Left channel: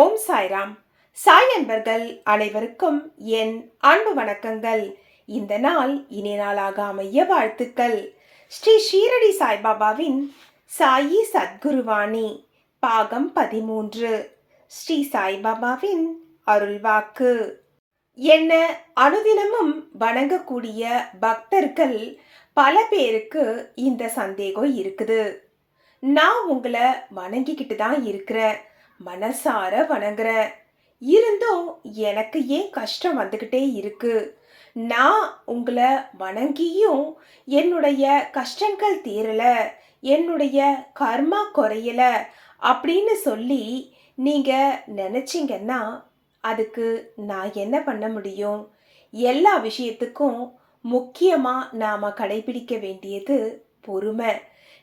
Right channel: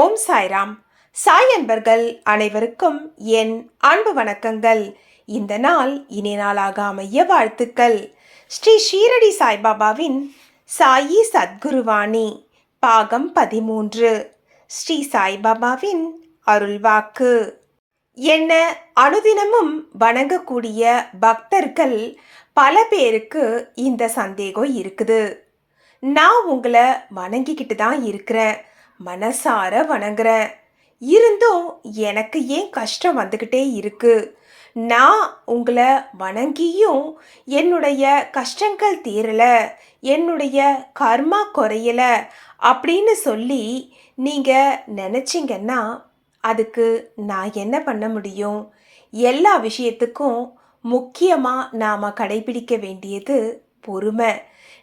ஓம் சாய்ராம். சாய் அன்பர்கள் அனைவருக்கும் என் அன்பு வணக்கங்கள். இந்த நாள் இனி நாளாக அமைய வாழ்த்துக்கள். ஸ்ரீ ஷீரடி சாய்பாபாவின் சாயி சத்குருவாணி பாகம் பதிமூன்று. ஸ்ரீ சாய்பாபாவின் அருள்வாக்கு. என்ன அனுதினமும் வணங்கக்கூடிய பக்தர்கள் பல பேருக்கு இந்த சந்தேகம் இருக்குது. நான் உங்களை வணங்கிக்கிட்டு தான் இருக்கிறேன். மனசார வணங்குறேன் இருந்தும் எனக்கு ஏன் கஷ்டம் வந்துக்கிட்டே இருக்கு? நான் உங்களை வணங்கியும் என்னுடைய கஷ்டங்கள் தீரல என்னுடைய கர்மா குறையல அப்படின்னு சொல்லி நீங்கள் நினச்சிங்கன்னா அதுக்கு நான் என்ன பண்ண முடியும்? எல்லா விஷயத்துக்கும் முக்கியமாக நாம் கடைபிடிக்க வேண்டியது பொறுமை.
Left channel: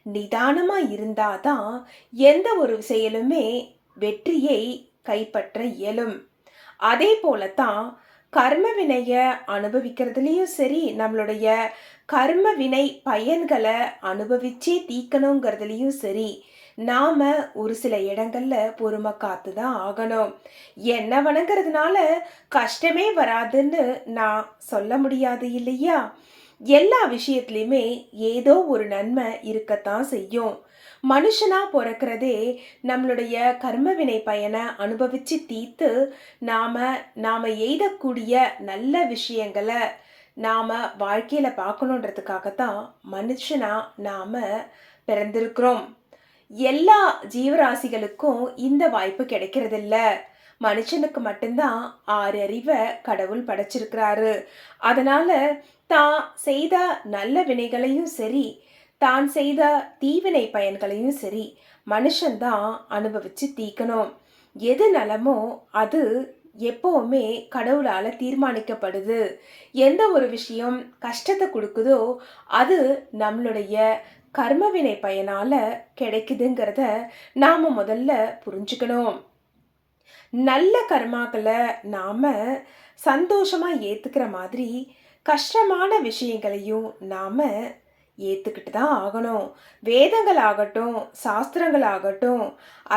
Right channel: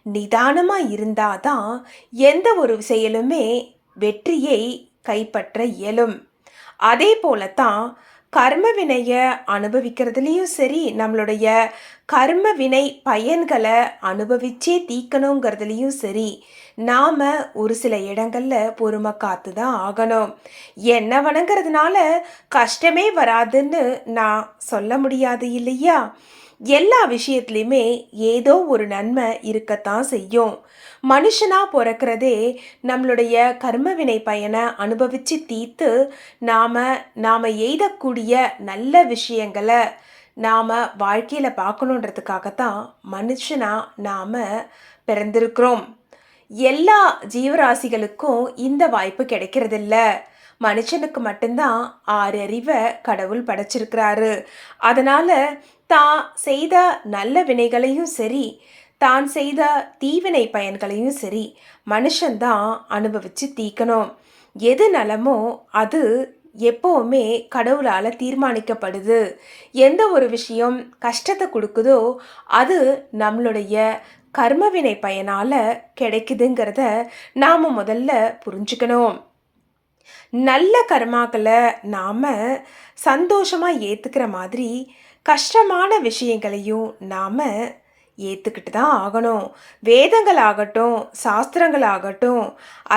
நிதானமாக இருந்தாதான் எந்த ஒரு செயலுமே வெற்றியை கைப்பற்ற இயலும். அதே போலத்தான் கர்ம வினையை அனுபவிக்கிறதுலேயும் சரி நம்மளுடைய கர்ம வினை பயன்களை அனுபவிச்சே தீக்கணுங்கிறதுலேயும் சரி நாம் ஒரு சில இடங்களில் பொறுமை காத்து தான் ஆகணும். என்ன வணங்குறதுனால கஷ்டமே வராதுன்னு நான் சொல்ல முடியாது இல்லையா? எல்லா விஷயத்துலையுமே ஏதோ ஒரு நன்மை இருக்கத்தான் செய்யும். மனுஷனாக பிறக்கிறதே நம்மளுடைய கர்மவினை பயனை அனுபவித்து தீர்த்து நாம் நாம் எய்தக்கூடிய நல்ல விஷயங்களை நாம் வாழ்க்கையில் பார்க்கணுன்றதுக்காகத்தான் மனுஷனாக நாம் பிறந்திருக்கிறோம். எல்லா ஜீவராசிகளுக்கும் இந்த வாய்ப்பு கிடைக்கிறதில்ல. மனுஷனுக்கு மட்டும்தான் ஆறு அறிவை கடவுள் படைச்சிருக்கிறாரு. அதனால் தான் செய்த நல்ல வினைகளையும் சரி தான் செய்த தீவினை பயன்களையும் சரி மனுஷன்தான் அனுபவித்து தீக்கணும் எது நலமோ அது எப்போவுமே கடவுளால் தீர்மானிக்கப்படுது. எந்த ஒரு விஷயம் கஷ்டத்தை கொடுக்குதோ அது நம்மளுடைய கர்மவினை பயனால் கிடைக்குதுங்கிறத நாம் முதல்ல புரிஞ்சுக்கணும். நல்ல கர்மாக்களை நாம் சந்தோஷமாக ஏற்றுக்கிற மாதிரி கஷ்டமான விஷயங்களையும் நாம் ஏற்றுக்கிட்டு தான் ஆகணும். வேதங்கள் ஆகட்டும் சாஸ்திரங்கள் ஆகட்டும்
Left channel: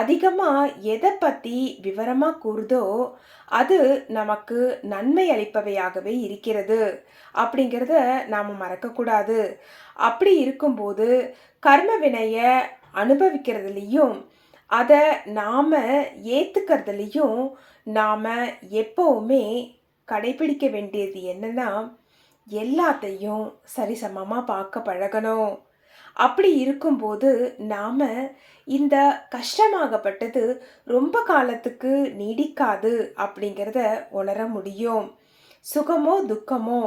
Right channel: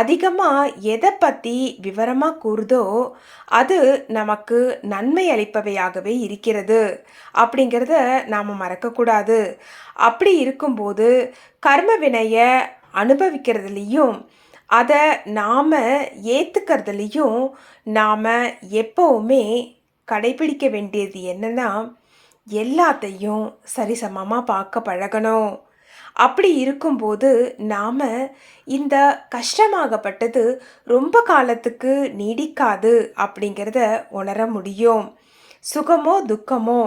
அதிகமாக எதை பற்றி விவரமாக கூறுதோ அது நமக்கு நன்மை அளிப்பவையாகவே இருக்கிறது. அப்படிங்கிறத நாம் மறக்கக்கூடாது. அப்படி இருக்கும்போது கர்ம வினையை அனுபவிக்கிறதுலேயும் அதை நாம் ஏற்றுக்கிறதுலையும் நாம் எப்போவுமே கடைபிடிக்க வேண்டியது என்னென்னா எல்லாத்தையும் சரிசமமாக பார்க்க பழகணும். அப்படி இருக்கும்போது நாம் இந்த கஷ்டமாகப்பட்டது ரொம்ப காலத்துக்கு நீடிக்காது அப்படிங்கிறத உணர முடியும். சுகமோ துக்கமோ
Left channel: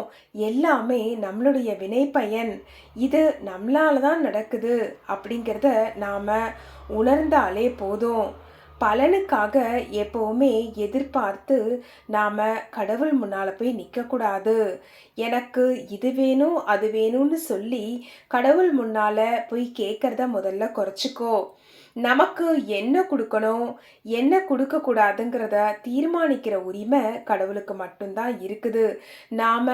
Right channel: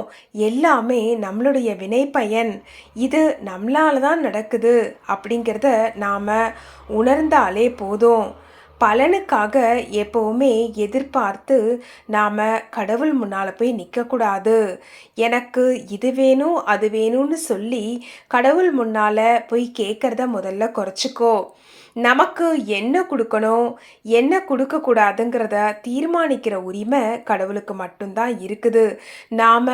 எல்லாமே நம்மளுடைய வினை பயன் இது நம்மளால தான் நடக்குது அப்படிங்கிறத நாம் உணர்ந்தாலே போதும். பலனுக்காக எப்போவுமே எதிர்பார்த்து நாம் கடவுள் முன்னால் போய் நிற்கக்கூடாது எனக்கு இது வேணும் அது வேணும்னு சொல்லி கடவுள் முன்னால் போய் கேட்குறத முதல்ல குறைச்சிக்கோ. நமக்கு என்ன கொடுக்கணும் என்ன கொடுக்கக்கூடாதுங்கிறத தீர்மானிக்கிற உரிமை கடவுளுக்கு மட்டும்தான் இருக்குது. நாம்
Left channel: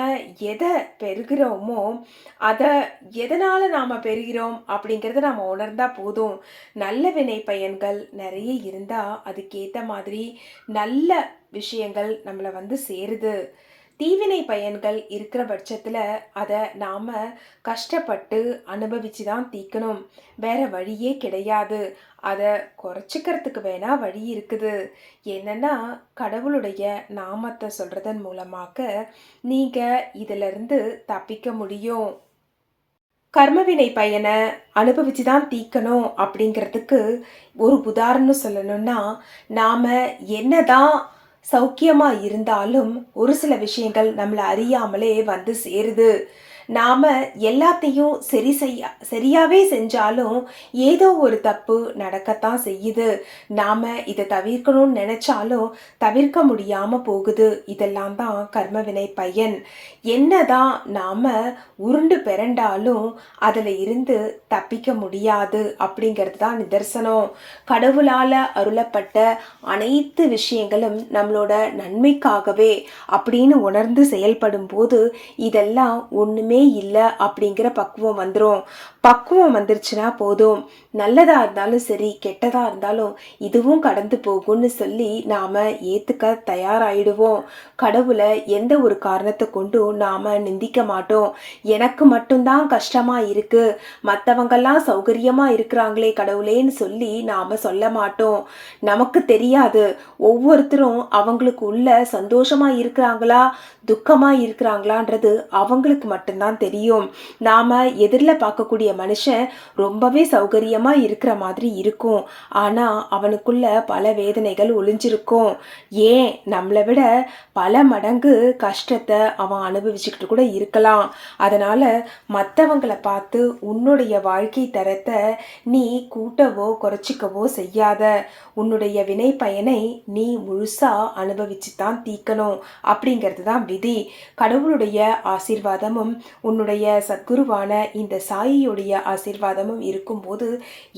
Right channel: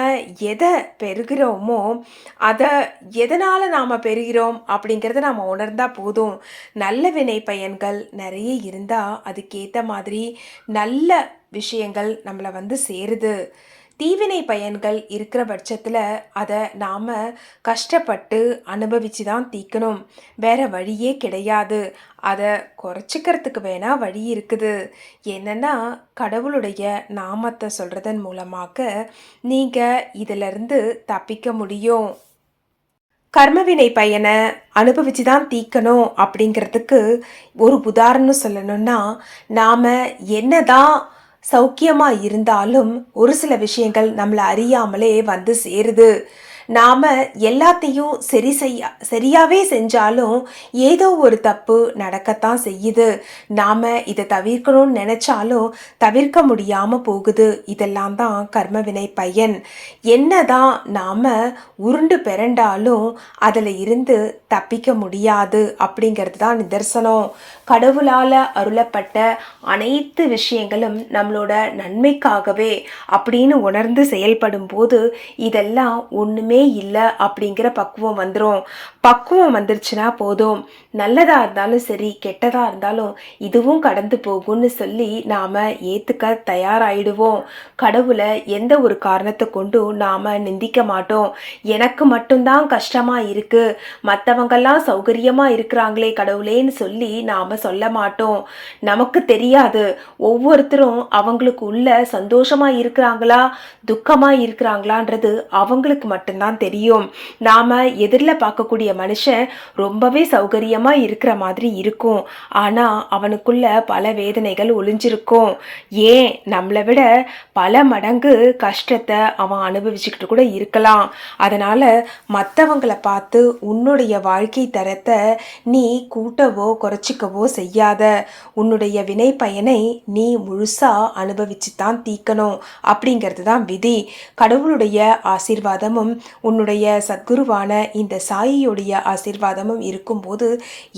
எதை பெறுகிறோமோ அதை எதனால் நாம் பெறுகிறோம் அப்படிங்கிறத நாம் உணர்ந்தால் போதும். நல்ல வினை பயன்கள் நிறைய இருந்தால் அதுக்கேற்ற மாதிரி நல்ல விஷயங்கள் நம்மளை வந்து சேருது. தீவினை பயன்கள் இருக்கிற பட்சத்தில் அதை நாம் கஷ்டப்பட்டு அனுபவித்து தான் தீக்கணும். வேற வழியே கிடையாது. அதை குறைச்சிக்கிறதுக்கு வேணால் வழி இருக்குது. என்னென்னா கடவுளுடைய நாமத்தை சொல்கிறதன் மூலமாக நீங்கள் இதிலிருந்து தப்பிக்க முடியும். கர்மவினை பயனை அனுபவித்து தான் தீக்கணும் அப்படிங்கிறதுக்கு ஒரு உதாரணம் சொல்லணும்னா நாம் என்ன தான் சௌக்கியமாக இருந்தாலும் ஒரு சில விஷயங்கள் நம்மளை அறியாமலே வந்து சேருது. நாம் எல்லாத்தையும் சரி செய்ய சரியாகவே செஞ்சாலும் ஏதோ ஒரு தப்பு நடக்கத்தான் செய்யுது. நாம் இதை தவிர்க்கணும்னு நினச்சாலும் தவிர்க்க முடியாமல் போகுது. இதெல்லாம் தான் கர்மவினை பயன். என்ன தான் நாம் உருண்டு பிறண்டாலும் அதில் இருந்து தப்பிக்க முடியாது அப்படிங்கிறது தான் நிதர்சனம். கடவுளால் அருளப்பட்ட அனைத்து விஷயங்களும் நம்மளோட நன்மைக்காகவே அப்படின்னு உணர்ந்து செயல்படும் போது இதெல்லாம் ஒன்றுமே அவசியமே இல்லை அப்படிங்கிற பக்குவம் வந்துடும் பக்குவம் வந்துருச்சுன்னா போதும். நல்லதாக இருந்தாலும் சரி கெட்டதாக இருந்தாலும் இதுவும் கடந்து போகும்னு சொல்லி நாம் ஏற்றுக்க தயாராகிடுவோம் கடவுளை எந்த ஒரு காரணத்தை கொண்டும் நாம் நிந்திக்க மாட்டோம். எனக்கு மட்டும்தான் கஷ்டமாக இருக்குது மற்றவங்கெல்லாம் சௌகரியமாக இருக்கிறாங்களே கடவுளேன்னு சொல்லி நாம் சொல்ல மாட்டோம். நமக்கு தெரியாது. ஒவ்வொருத்தரும் அவங்களுக்கு உள்ள சந்தோஷமாக இருக்கிறாங்களா துக்கமாக இருக்கிறாங்களான்றது அவங்களுக்கு மட்டும்தான் தெரியும். நாம் எதிரில் பார்க்கக்கூடிய மனுஷன் ரொம்பவே சௌகரியமாக இருக்கிற மாதிரி இருக்கும். ஆனால் அவனுக்குள்ள பல வேதனைகள் ஒளிஞ்சிருக்கும். ஏன்? நம்மளை விட பல மடங்கு கஷ்டத்தை அவன் அனுபவிச்சுக்கிட்டு கூட இருக்கலாம். அதனால் மற்றவங்களை பார்த்து உன்னுடைய வாழ்க்கை தரத்தை நீ கூட்டவோ குறைச்சிக்கவோ செய்யாத. உன்னுடைய வினை பயனை நீ முழுசாக அனுபவிச்சு தான் தீக்கணும் அப்படிங்கிறது தான் விதி. கடவுளுடைய ஆசீர்வாதமும் உன்னுடைய சத்குருவான இந்த சாயியுடைய ஆசீர்வாதமும் இருக்கும்போது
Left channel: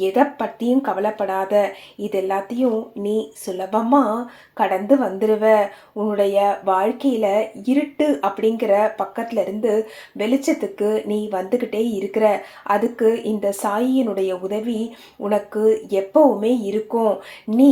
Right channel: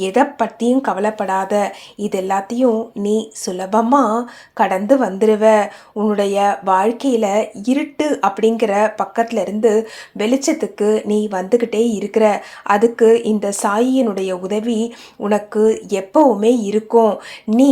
எதை பற்றியும் கவலைப்படாத. இது எல்லாத்தையும் நீ சுலபமாக கடந்து வந்துடுவ உன்னுடைய வாழ்க்கையில் இருட்டு அப்படிங்கிற பக்கத்தில் இருந்து வெளிச்சத்துக்கு நீ வந்துக்கிட்டே இருக்கிற. அதுக்கு இந்த சாயியினுடைய உதவி உனக்கு எப்பவுமே இருக்கும். நீ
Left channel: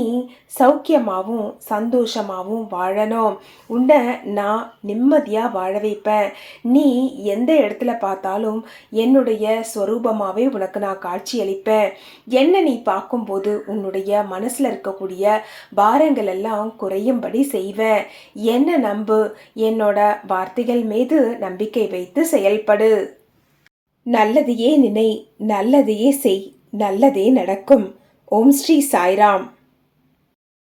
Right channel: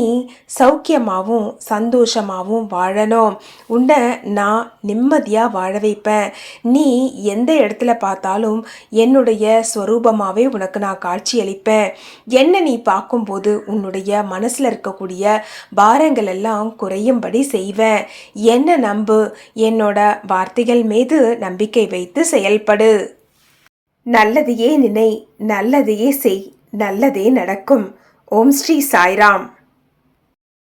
சௌக்கியமாகவும் சந்தோஷமாகவும் வாழணும். உன்னை நான் நிம்மதியாக வாழ வைப்பேன். நீ எந்த இடத்துல பார்த்தாலும் என்னுடைய ஸ்வரூபமாகவே உனக்கு நான் காட்சியளிப்பேன். என்னை நீ பார்க்கும்போது உன்னுடைய மனசில் இருக்கக்கூடிய பாரங்கள் எல்லாம் குறையும்படி செய்வேன். என்ன நம்பு? என்னோட வார்த்தைகள் மீது நம்பிக்கை வைத்து செயல்படு. நல்லதையே நினை நல்லதையே செய் நல்லதே நடக்கும். ஓம் ஸ்ரீ சாய்ராம்.